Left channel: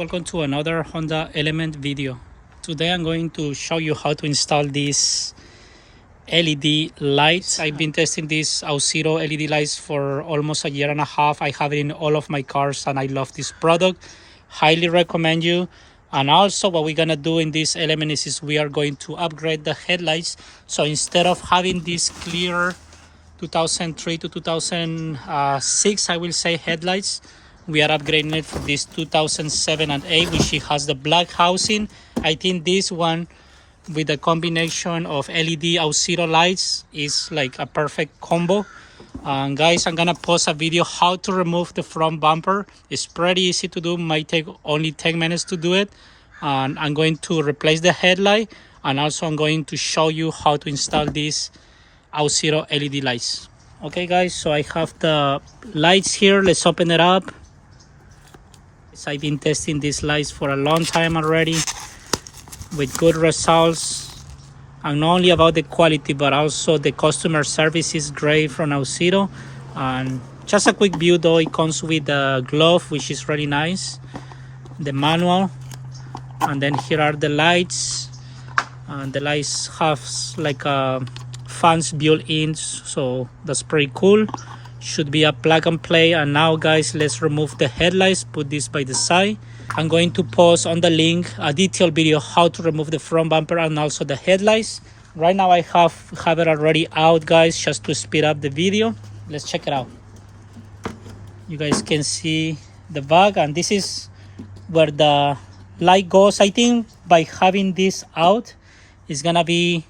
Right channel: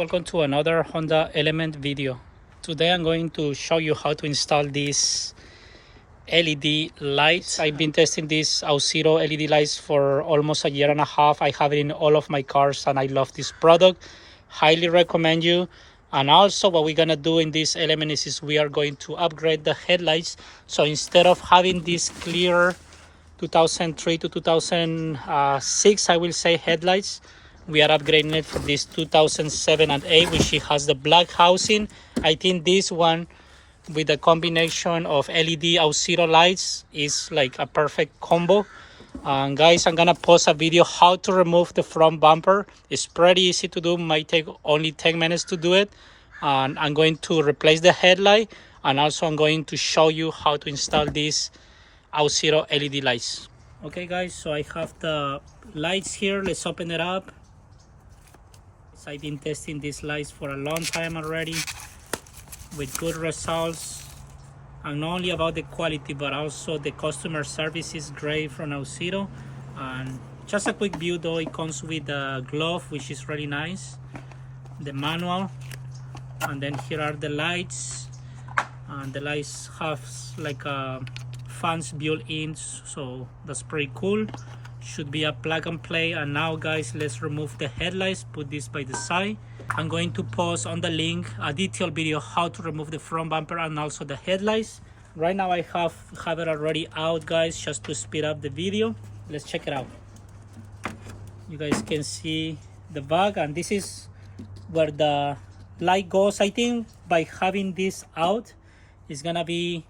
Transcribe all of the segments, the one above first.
welcome to another Honda Element video. Today I'm going to show you how to install these LED lights. I've been testing these Auxito LED lights for almost a year and a half. I have it in all of my cars and I love this product. Highly recommend you. And also what we're gonna do in this element is we are going to upgrade the headlights. So instead of having this clear 2003 to 2006, I will say, headlights, we are upgrading it for this 2007 and 8, which has the black housing. I think this one with the combination of LED Auxito lights is like a perfect combo. Guys, I'm gonna post a video how to remove the front bumper. It's pretty easy to do, might take only 10 minutes to do it. And I'm going to replace the headlight, and also I'm going to show you how to install these Auxito LED lights. Okay guys, so I have the lights here. Let's open it up. I've been testing these lights for a long time already with good results, and not only about the quality but also the customer service is great from Auxito. And just a quick view though, it comes with the glove, which is really nice, the manual, and then here are the lights. And the lights have like fans built in, so that's pretty cool. Should be a plug and play. And now guys, let's remove the headlights. Put this by the side. I'm going to post on the link a detailed video how to remove the front bumper and also the headlights. Right now I have it already out guys, just to speed up the video. Let's check it out. You guys can see the back, and this is where the light goes. I think by having this out, it's gonna be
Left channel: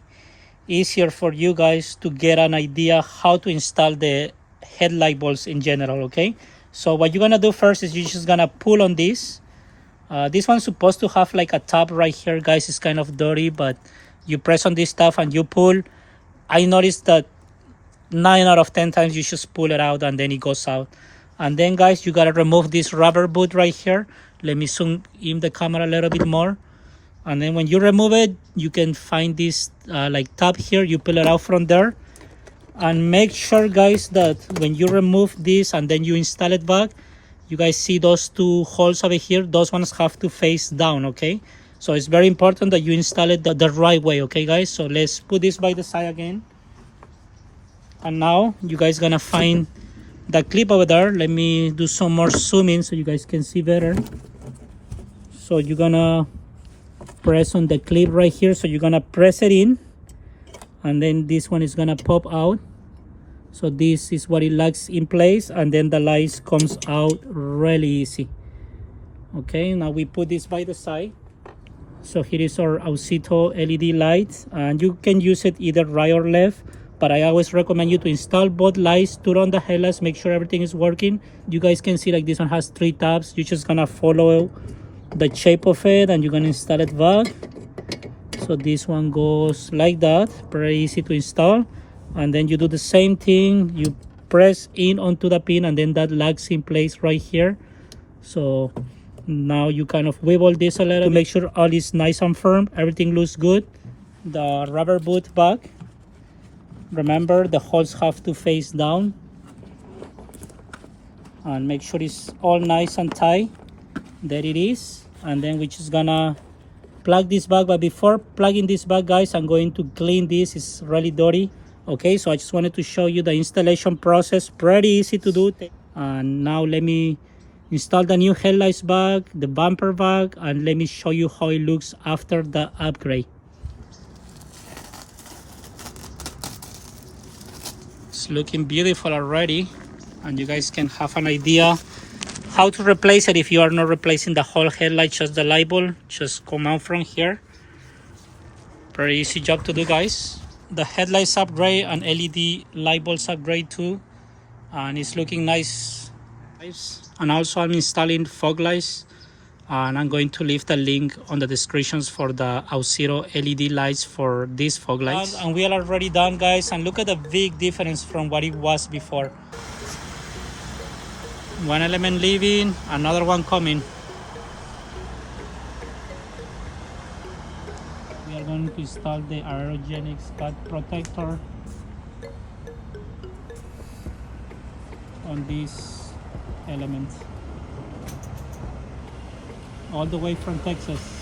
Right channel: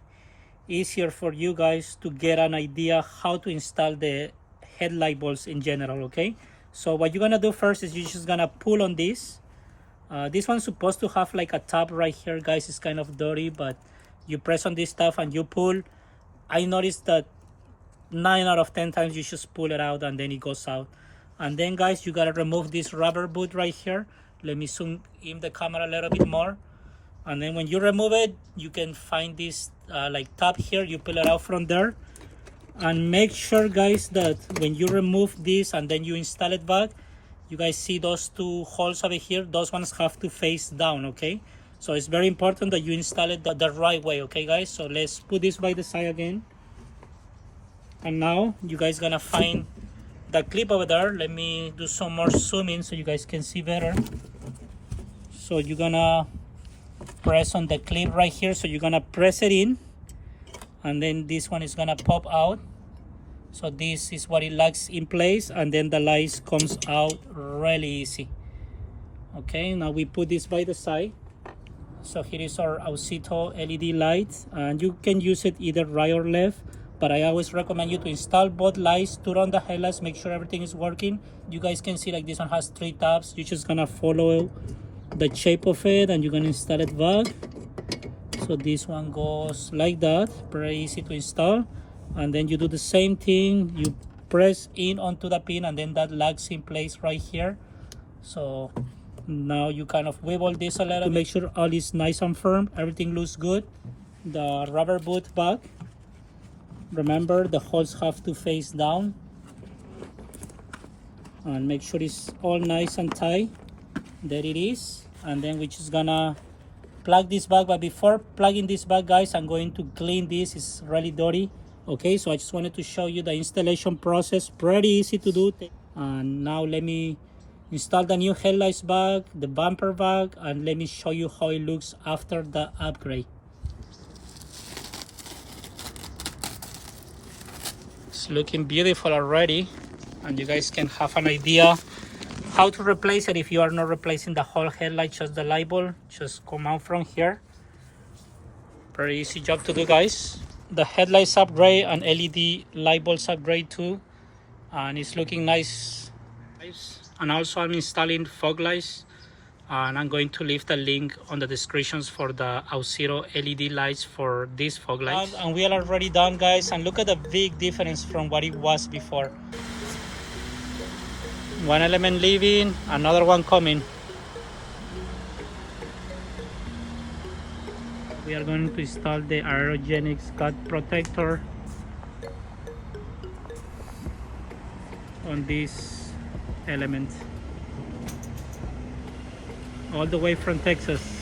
easier for you guys to get an idea how to install the headlight bulbs in general. Okay, so what you're gonna do first is you're just gonna pull on this. This one's supposed to have like a top right here guys. It's kind of dirty, but you press on this stuff and you pull. I noticed that 9 out of 10 times you just pull it out and then it goes out. And then guys, you gotta remove this rubber boot right here. Let me zoom in the camera a little bit more. And then when you remove it, you can find this like top here. You pull it out from there. And make sure guys that when you remove this and then you install it back, you guys see those two holes over here, those ones have to face down. Okay, so it's very important that you install it the right way. Okay guys, so let's put this by the side again. And now you guys gonna find the clip over there. Let me do some more zooming so you guys can see better. So you're gonna press on the clip right here. So you're gonna press it in, and then this one is gonna pop out. So this is what it locks in place, and then the lights comes out really easy. Okay, now we put this by the side. So here is our Auxito LED lights, and you can use it either right or left, but I always recommend you to install both lights, turn on the headlights, make sure everything is working. You guys can see like this one has 3 tabs. You're just gonna follow the shape of it and you're gonna install it back. So this one goes like that, very easy to install. And then you do the same thing, you press in onto the pin and then that locks in place right here. So now you kind of wiggle this a little to make sure all is nice and firm, everything looks good. The rubber boot back, remember the holes have to face down, and make sure it's all nice and tight. There it is. And then we're just gonna plug this back, but before plugging this back guys, I'm going to clean this. It's really dirty. Okay, so I just wanted to show you the installation process, pretty easy to do. And now let me install the new headlights back, the bumper back, and let me show you how it looks after the upgrade. It's looking beautiful already, and you guys can have an idea how to replace it. If you are not replacing the whole headlight, just the light bulb, just come out from here. Very easy job to do guys. The headlights upgrade and LED light bulbs upgrade too, and it's looking nice. And also I'm installing fog lights, and I'm going to leave the link on the descriptions for the Auxito LED lights for these fog lights. And we are already done guys, and look at the big difference from what it was before. One element leaving, another one coming. We are going to install the aerogenic Scott protector on this element. all the way from Texas.